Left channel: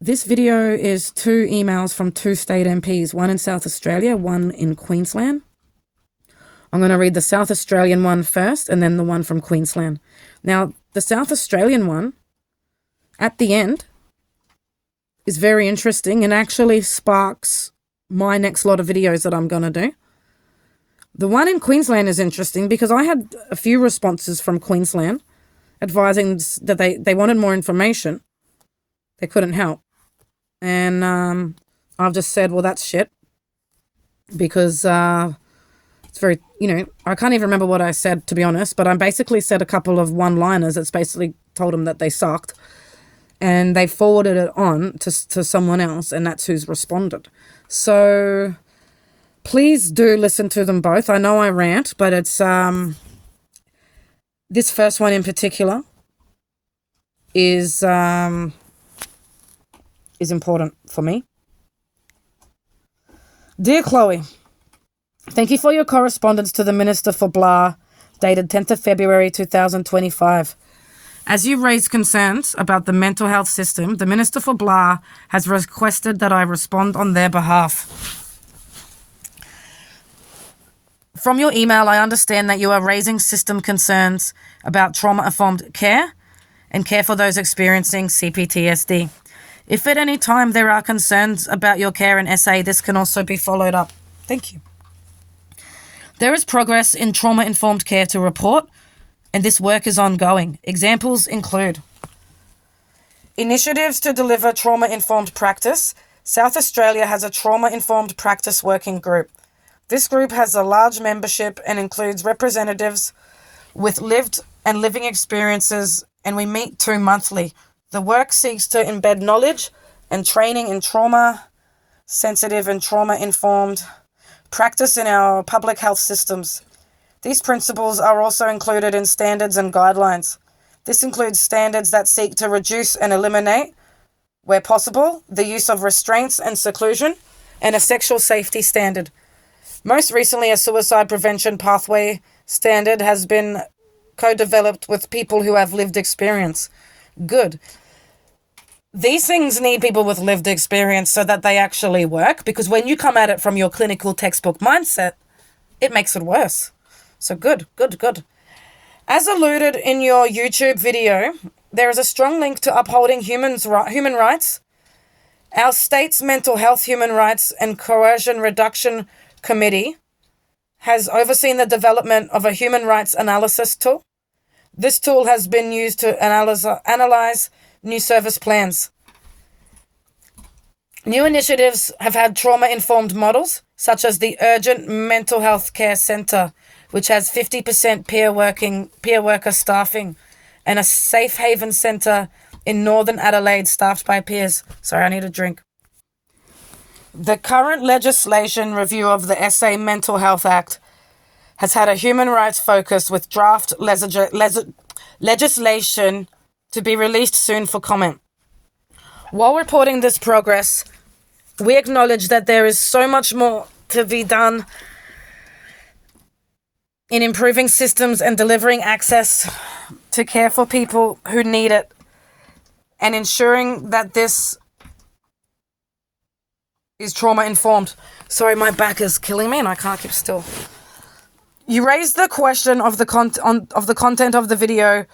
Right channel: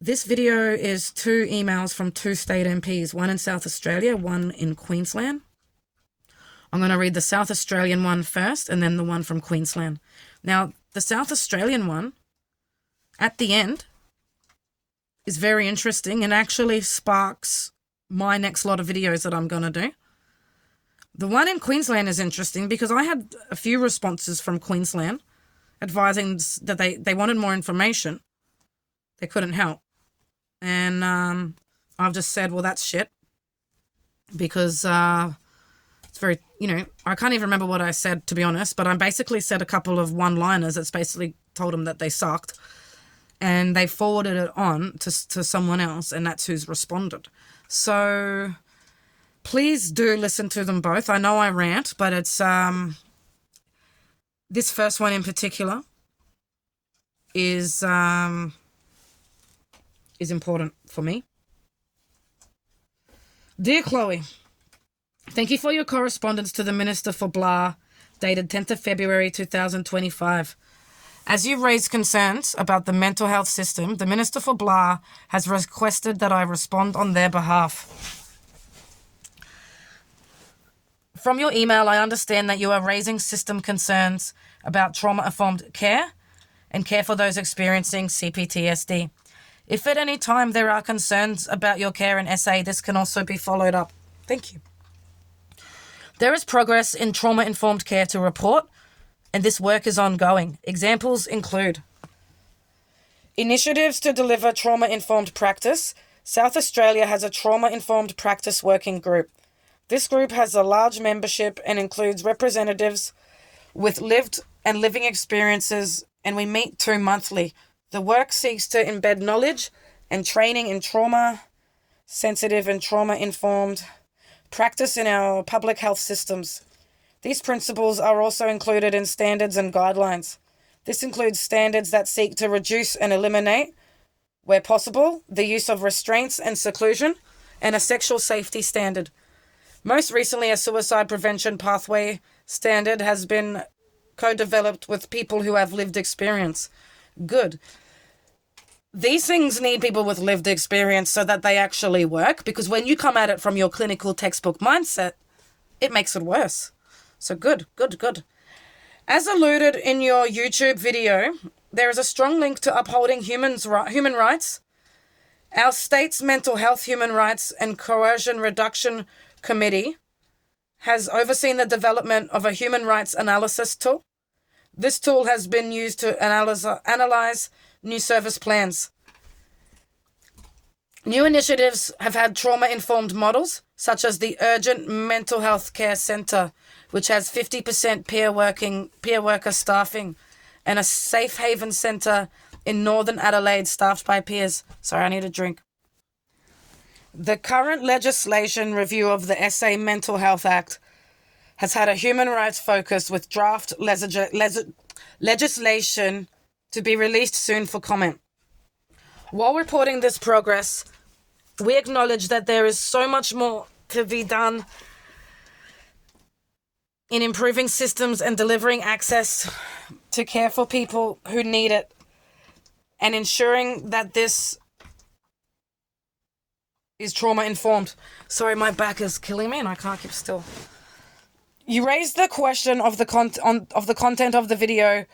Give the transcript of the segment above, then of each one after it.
This video is 2 emails from 2 state MPs, one in South Australia, one in Queensland. I'm going to read the South Australian one first and then the one from Queensland. Now, the South Australian one, at the end, is very interesting and actually sparks my next lot of videos that I'm going to do. The one in Queensland is interesting because I had a few responses from Queensland advising that they wanted more information. They couldn't help. And I've just said, well, that's shit. Because it's very, I can't even remember what I said, to be honest, but I basically said a couple of one-liners that's basically told them that they sucked. And they forwarded it on to someone else, and that's who's responded. So please do listen to them both. I know I rant, but it's this first one in particular is important for me. Dear Chloe, thank you for your correspondence to the Minister for Blah, dated 10th of February 2025. As you raised concerns about the mental health system, the Minister for Blah has requested that I respond on their behalf. From your email, I understand that you are raising system concerns about trauma-informed care and care for those experiencing CPTSD. If at any time there are concerns about your care and SA, this can also be followed up. Thank you. There is progress in trauma-informed care to report, and this work is ongoing. Examples include initiatives to deliver trauma-informed practice. South Australia has a trauma-informed practice working group. This group has a large membership and includes representatives with lived and living experiences, and we meet 2 monthly. The work seeks to embed knowledge and training in trauma-sensitive and trauma-informed practice in our public health systems. These principles are also included in standards and guidelines. This includes standards that seek to reduce and eliminate, where possible, the use of restraints and seclusion, and a sexual safety standard. Most recently, a suicide prevention pathway standard has been co-developed with people who have lived experience. Good. These things need people with lived experience so that they actually work, because when you come at it from your clinical textbook mindset, it makes it worse. So good. As alluded in your YouTube video, there is a strong link to upholding human rights. Our state's mental health, human rights, and coercion reduction committee has overseen the development of a human rights analysis tool. This tool has been used to analyze new service plans. New initiatives have had trauma-informed models, such as the Urgent Mental Health Care Centre, which has 50% peer worker staffing, and a Safe Haven Centre in Northern Adelaide staffed by peers. Sorry, I need a drink. The current legislation review of the SA Mental Health Act has had a human rights focus, with draft legislation to be released soon for comment. While reporting this progress, we acknowledge that there is so much more to be done in improving systems and delivering access to care for people who need it, and ensuring that this is trauma-informed. Sorry, my back is killing me and I can't keep still. You raised the question of the content of the video.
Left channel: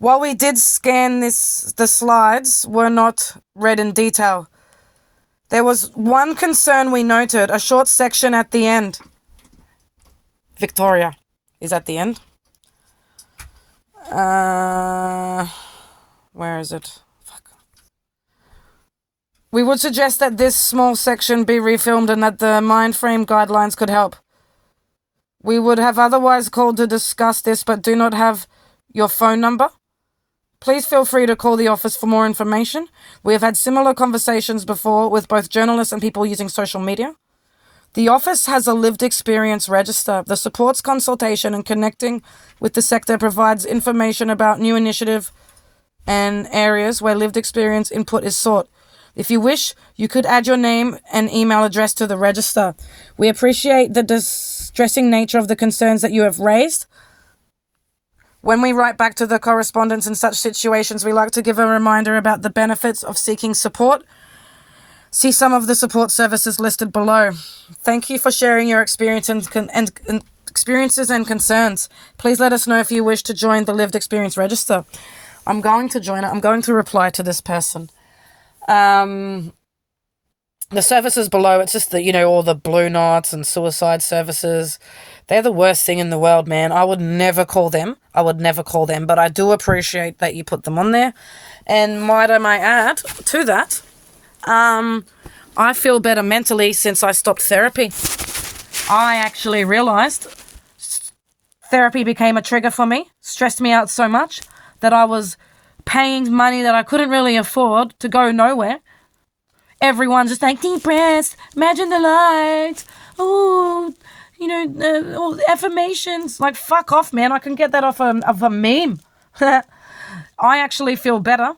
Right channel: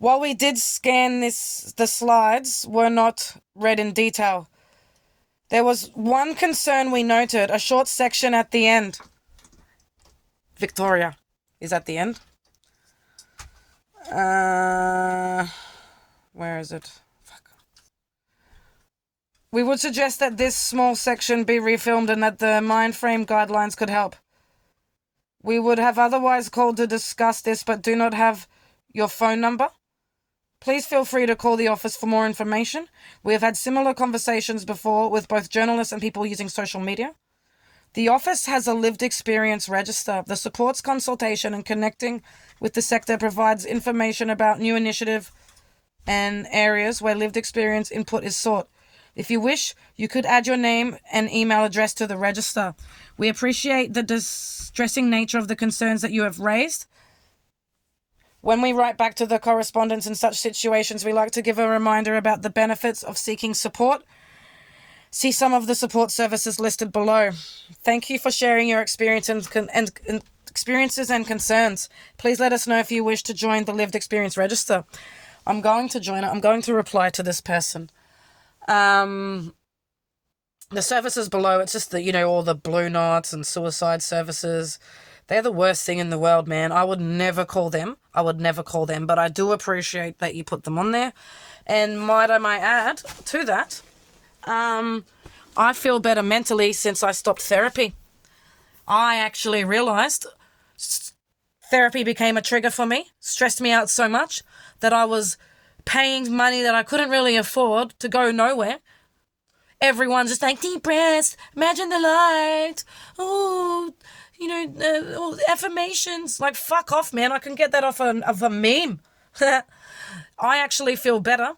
While we did scan the slides were not read in detail. There was one concern we noted, a short section at the end. Victoria is at the end. Where is it? Fuck. We would suggest that this small section be refilmed and that the mind frame guidelines could help. We would have otherwise called to discuss this, but do not have your phone number. Please feel free to call the office for more information. We have had similar conversations before with both journalists and people using social media. The office has a lived experience register that supports consultation and connecting with the sector, provides information about new initiative and areas where lived experience input is sought. If you wish, you could add your name and email address to the register. We appreciate the distressing nature of the concerns that you have raised. When we write back to the correspondents in such situations, we like to give a reminder about the benefits of seeking support See some of the support services listed below. Thank you for sharing your experience and experiences and concerns. Please let us know if you wish to join the Lived Experience Register. I'm going to join it. I'm going to reply to this person. The services below, it's just the, all the blue knots and suicide services. They're the worst thing in the world, man. I would never call them. But I do appreciate that you put them on there. And might I add to that, I feel better mentally since I stopped therapy. I actually realized therapy became a trigger for me, stressed me out so much that I was paying money that I couldn't really afford to go nowhere. Everyone's just like, deep breaths, imagine the light, affirmations. Like, fuck off, man. I can get that off of a meme. I actually feel better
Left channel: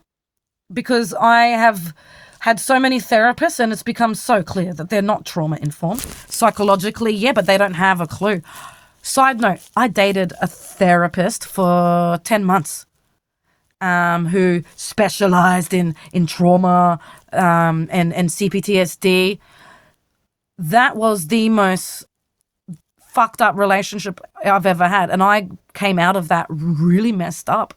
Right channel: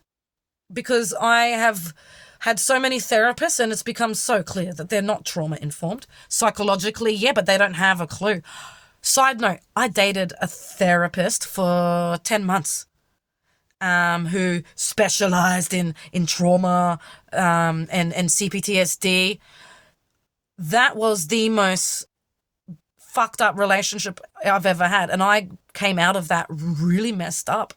because I have had so many therapists and it's become so clear that they're not trauma-informed. Psychologically, yeah, but they don't have a clue. Side note, I dated a therapist for 10 months who specialized in trauma and CPTSD. That was the most fucked up relationship I've ever had. And I came out of that really messed up.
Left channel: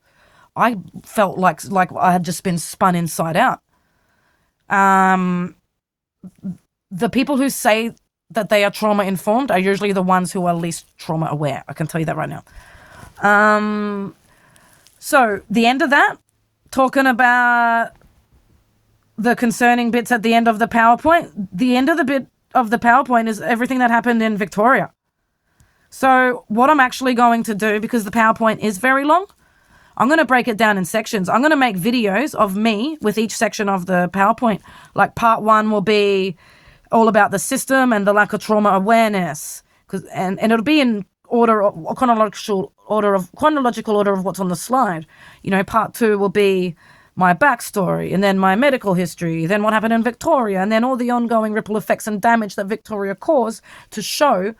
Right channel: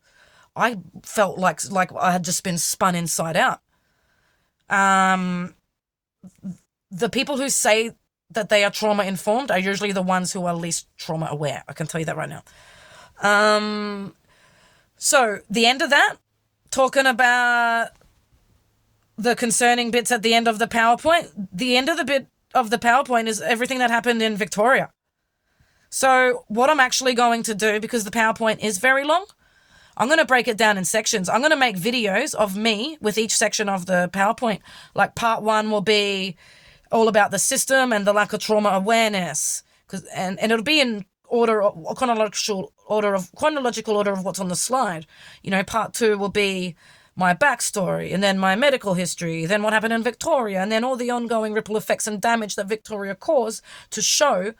I felt like I had just been spun inside out. The people who say that they are trauma informed are usually the ones who are least trauma aware. I can tell you that right now. So the end of that, talking about the concerning bits at the end of the PowerPoint, the end of the bit of the PowerPoint is everything that happened in Victoria. So what I'm actually going to do, because the PowerPoint is very long, I'm going to break it down in sections. I'm going to make videos of me with each section of the PowerPoint. Like part 1 will be all about the system and the lack of trauma awareness. And it'll be in chronological order of what's on the slide. Part 2 will be my backstory, and then my medical history, then what happened in Victoria, and then all the ongoing ripple effects and damage that Victoria caused to show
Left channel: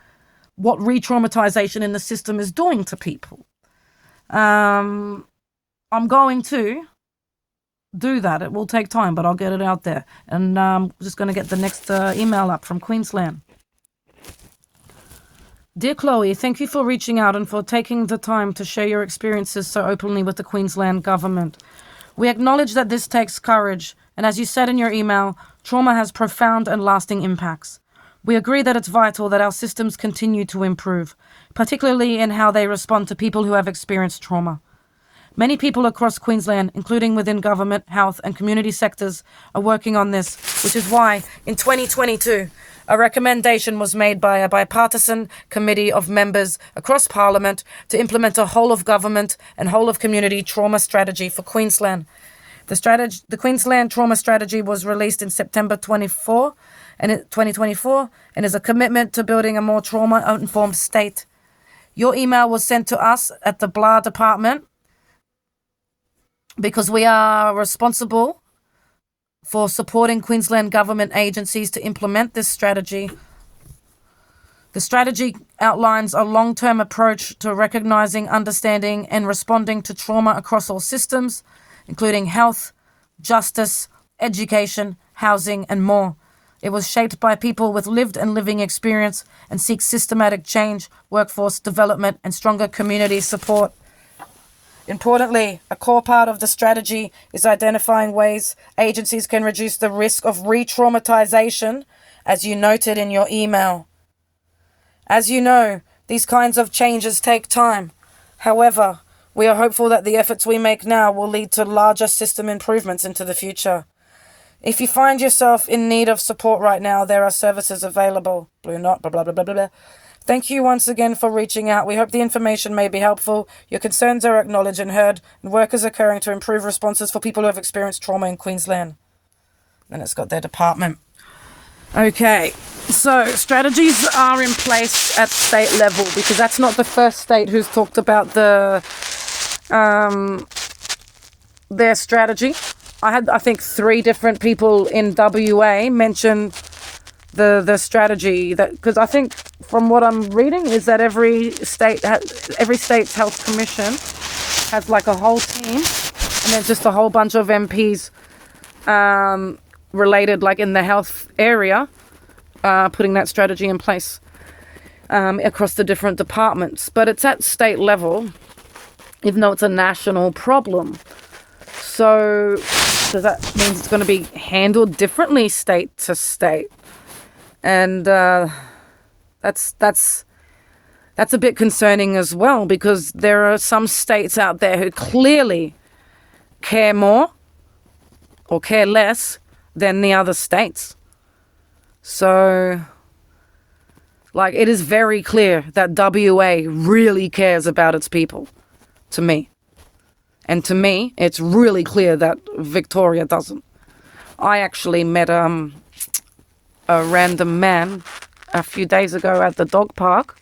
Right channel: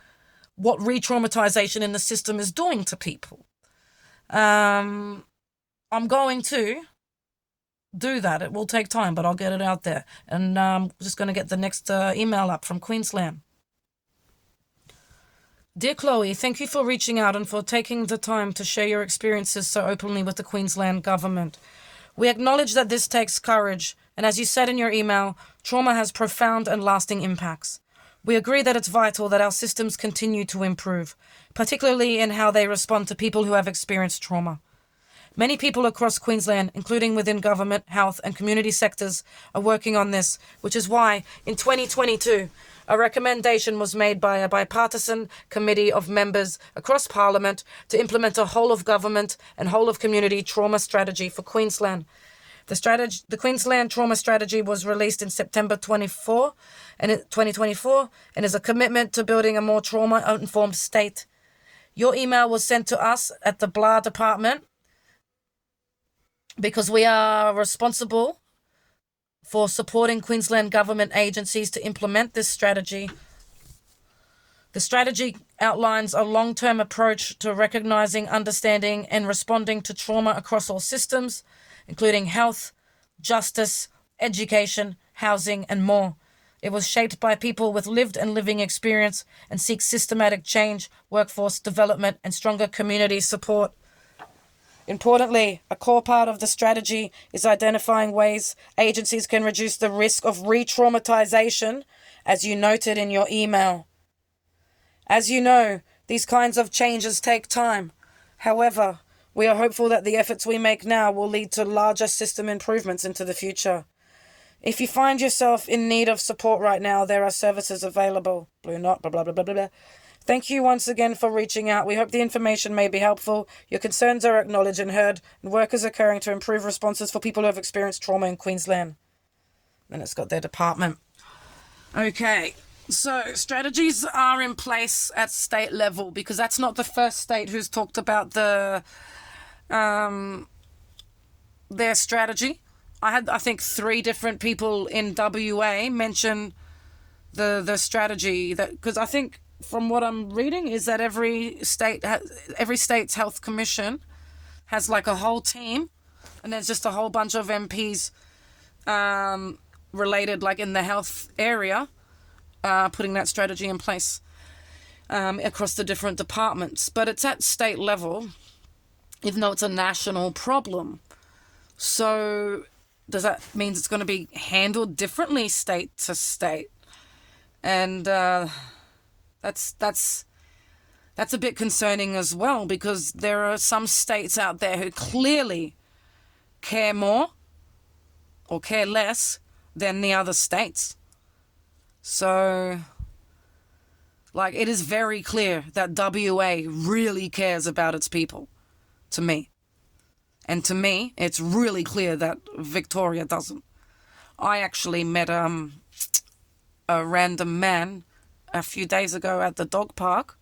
what re-traumatization in the system is doing to people. I'm going to do that. It will take time, but I'll get it out there. And I'm just going to get the next email up from Queensland. Dear Chloe, thank you for reaching out and for taking the time to share your experiences so openly with the Queensland government. We acknowledge that this takes courage, and as you said in your email, trauma has profound and lasting impacts. We agree that it's vital that our systems continue to improve, particularly in how they respond to people who have experienced trauma. Many people across Queensland, including within government, health and community sectors, are working on this, which is why, in 2022, a recommendation was made by a bipartisan committee of members across Parliament to implement a whole-of-government and whole-of-community trauma strategy for Queensland. The Queensland Trauma Strategy was released in September 2024 and is a commitment to building a more trauma-informed state. Your email was sent to us at the BLA department because we are responsible for supporting Queensland government agencies to implement this strategy. The strategy outlines a long-term approach to recognizing, understanding, and responding to trauma across all systems, including health, justice, education, housing, and more. It was shaped by people with lived and living experience and seeks systematic change, workforce development, and stronger community support. Importantly, a core part of the strategy is identifying ways agencies can reduce the risk of re-traumatization, as you noted in your email. As you know, these kinds of changes take time. However, we are hopeful that the efforts we make now will lead to larger system improvements into the future. If you find yourself in need of support right now, there are services available. Blue Knot, blah, blah, blah, blah, blah, blah. Thank you once again for reaching out. We hope the information may be helpful. Your concerns are acknowledged and heard, and work is occurring to improve responses for people who have experienced trauma in Queensland. And it's got their department. Okay, so strategies are in place at state level because that's not the first state who's talked about their strategy. I had, I think, 3 different people in WA mention the strategy, that because I think from what I'm reading is that every state's health commission has like a whole team, and there's just a whole bunch of MPs related, like in the health area, putting that strategy in place across the different departments. But it's at state level, even though it's a national problem. So does that mean it's going to be handled differently state to state? And that's a bit concerning as well, because there are some states out there who clearly care more or care less than the other states. So, like, it is very clear that WA really cares about its people, to me. And to me, it's really clear that Victoria doesn't. I actually met a random man a few days ago at the dog park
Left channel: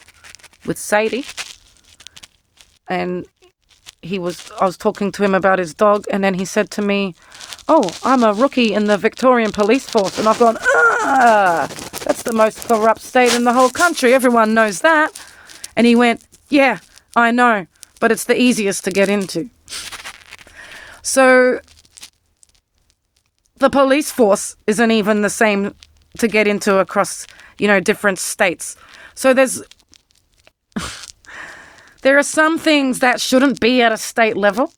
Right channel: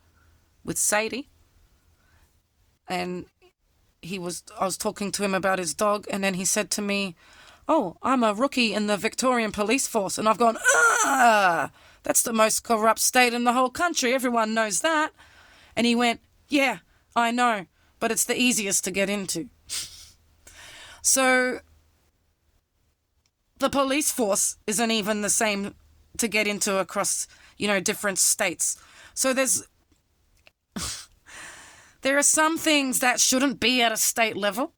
with Sadie. And I was talking to him about his dog, and then he said to me, "Oh, I'm a rookie in the Victorian Police Force." And I've gone, that's the most corrupt state in the whole country. Everyone knows that. And he went, "Yeah, I know, but it's the easiest to get into." So the police force isn't even the same to get into across, different states. So there are some things that shouldn't be at a state level,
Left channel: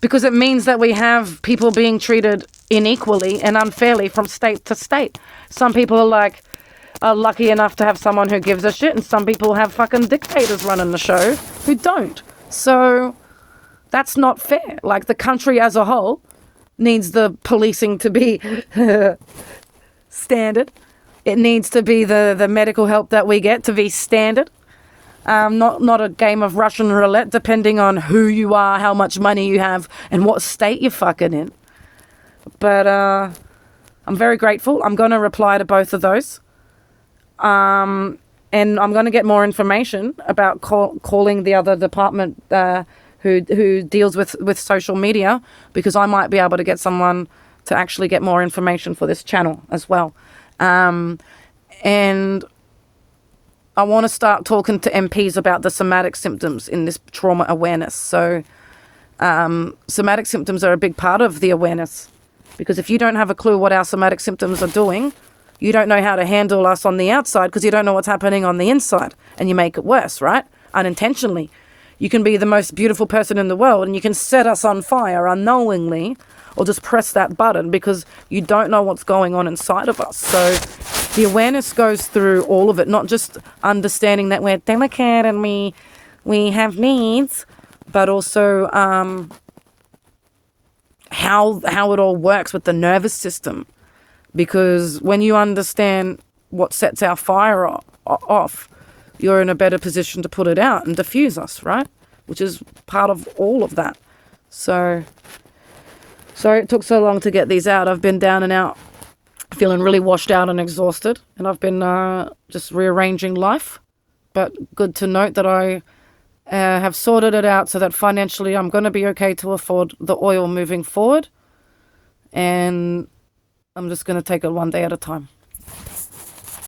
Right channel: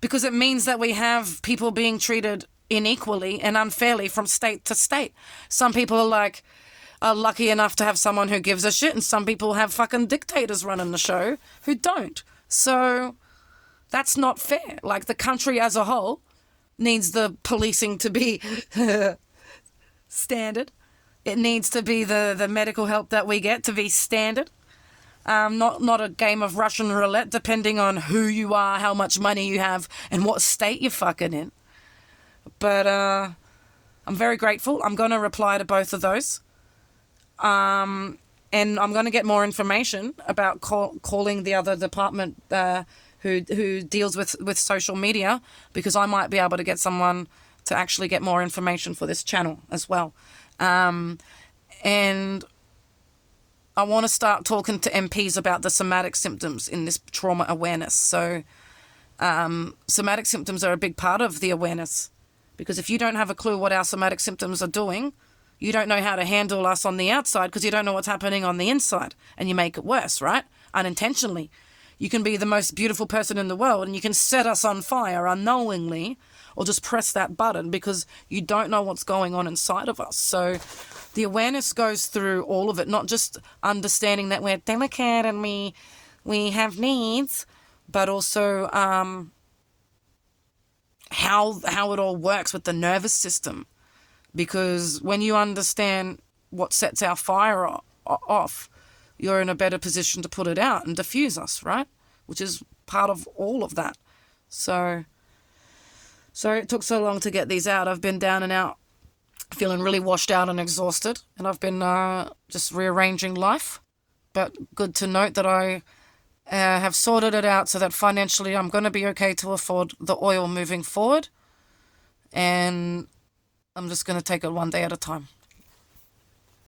because it means that we have people being treated unequally and unfairly from state to state. Some people are lucky enough to have someone who gives a shit, and some people have fucking dictators running the show who don't. So that's not fair. Like, the country as a whole needs the policing to be standard. It needs to be the medical help that we get to be standard. Not a game of Russian roulette, depending on who you are, how much money you have, and what state you're fucking in. But I'm very grateful. I'm going to reply to both of those. And I'm going to get more information about calling the other department who deals with social media, because I might be able to get someone to actually get more information for this channel as well. And I want to start talking to MPs about the somatic symptoms in this trauma awareness. So somatic symptoms are a big part of the awareness, because if you don't have a clue what our somatic symptoms are doing, you don't know how to handle us on the outside, because you don't know what's happening on the inside, and you make it worse, right? Unintentionally. You can be the most beautiful person in the world and you can set us on fire unknowingly, or just press that button because you don't know what's going on inside of us. So the awareness goes through all of it, not just understanding that we're delicate and we have needs, but also how it all works with the nervous system. Because when you understand what sets our fire off, you're in a better position to put it out and diffuse us, right? Which is part of all of that. So sorry it took so long to get these out. I've been down and out, feeling really washed out and exhausted, and I've been just rearranging life. But good to note that I have sorted it out so that financially I'm going to be okay to afford the oil moving forward. And I'm just going to take it one day at a time.